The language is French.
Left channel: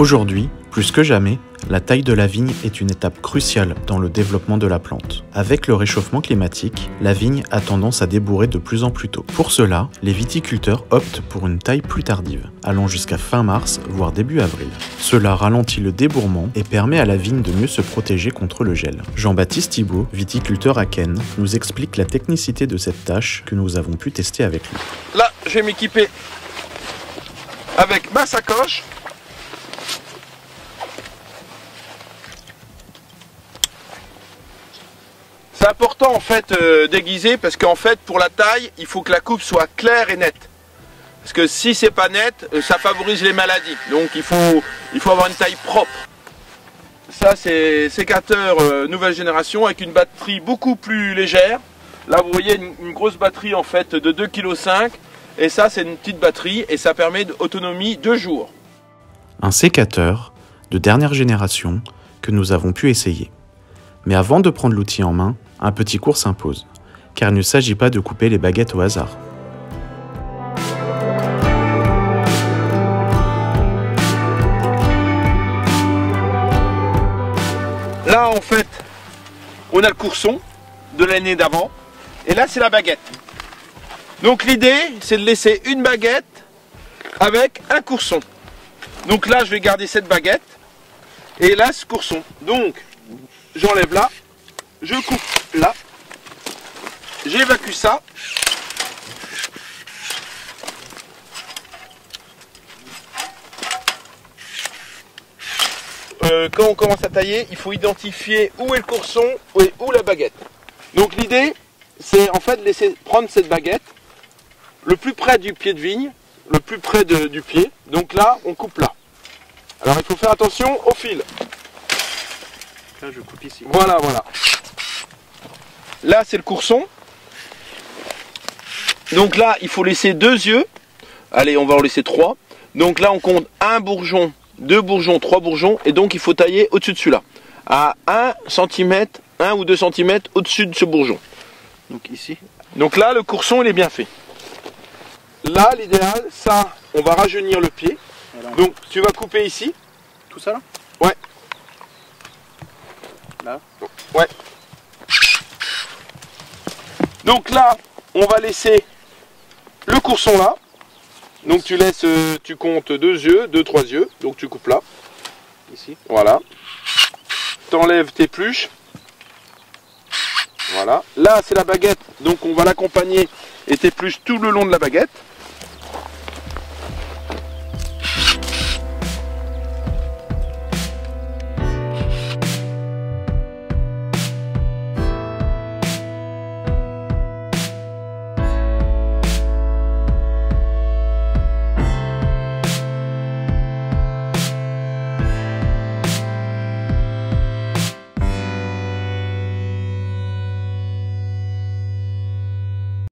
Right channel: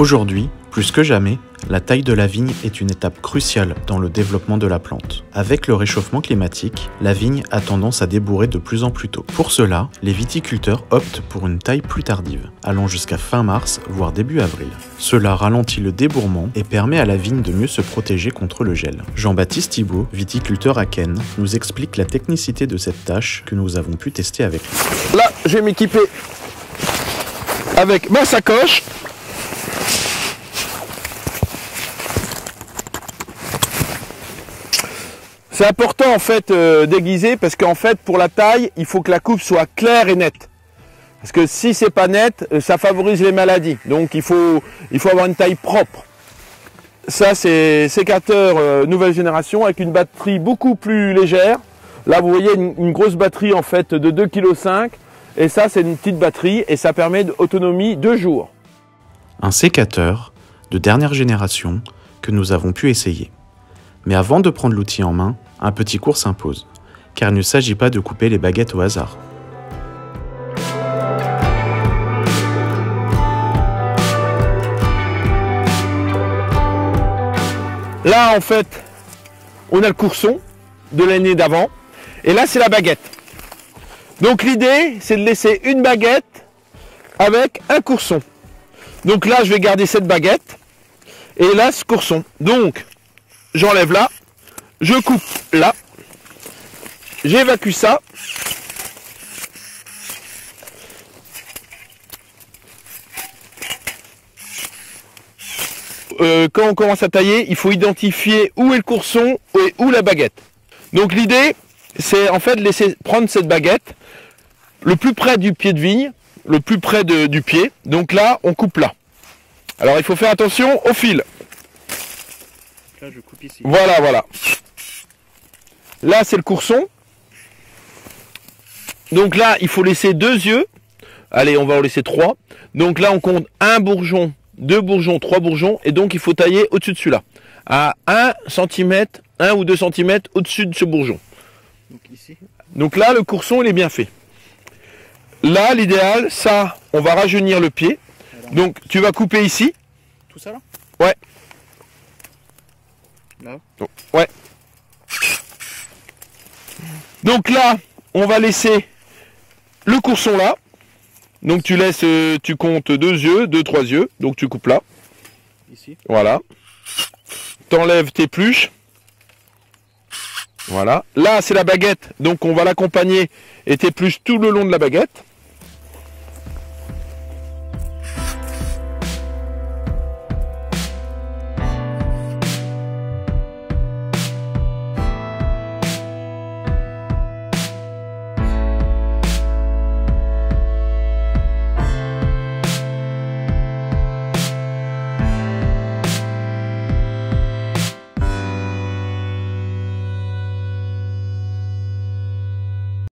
Aujourd'hui, plus que jamais, la taille de la vigne est une étape cruciale dans le développement de la plante. Avec le réchauffement climatique, la vigne a tendance à débourrer de plus en plus tôt. Pour cela, les viticulteurs optent pour une taille plus tardive, allant jusqu'à fin mars, voire début avril. Cela ralentit le débourrement et permet à la vigne de mieux se protéger contre le gel. Jean-Baptiste Thibault, viticulteur à Caen, nous explique la technicité de cette tâche que nous avons pu tester avec lui. Là, je vais m'équiper avec ma sacoche. C'est important en fait d'aiguiser parce qu'en fait pour la taille, il faut que la coupe soit claire et nette. Parce que si c'est pas net, ça favorise les maladies. Donc il faut avoir une taille propre. Ça c'est sécateur nouvelle génération avec une batterie beaucoup plus légère. Là vous voyez une grosse batterie en fait de 2,5 kg. Et ça c'est une petite batterie et ça permet d'autonomie 2 jours. Un sécateur de dernière génération que nous avons pu essayer. Mais avant de prendre l'outil en main, un petit cours s'impose, car il ne s'agit pas de couper les baguettes au hasard. Là en fait, on a le courson de l'année d'avant, et là c'est la baguette. Donc l'idée c'est de laisser une baguette avec un courson. Donc là je vais garder cette baguette, et là ce courson. Donc j'enlève là, je coupe là, j'évacue ça. Quand on commence à tailler, il faut identifier où est le courson et où la baguette. Donc l'idée, c'est en fait de laisser prendre cette baguette le plus près du pied de vigne, le plus près du pied. Donc là, on coupe là. Alors il faut faire attention au fil. Là, je coupe ici. Voilà, voilà. Là, c'est le courson. Donc là, il faut laisser 2 yeux. Allez, on va en laisser 3. Donc là, on compte 1 bourgeon, 2 bourgeons, 3 bourgeons. Et donc, il faut tailler au-dessus de celui-là. À 1 cm, 1 ou 2 cm au-dessus de ce bourgeon. Donc ici. Donc là, le courson, il est bien fait. Là, l'idéal, ça, on va rajeunir le pied. Alors, donc, tu vas couper ici. tout ça là? Ouais. Là. Ouais. Donc là, on va laisser le courson là. Donc tu laisses, tu comptes 2 yeux, 2-3 yeux. Donc tu coupes là. Ici. Voilà. T'enlèves tes pluches. Voilà. Là, c'est la baguette. Donc on va l'accompagner et tes pluches tout le long de la baguette.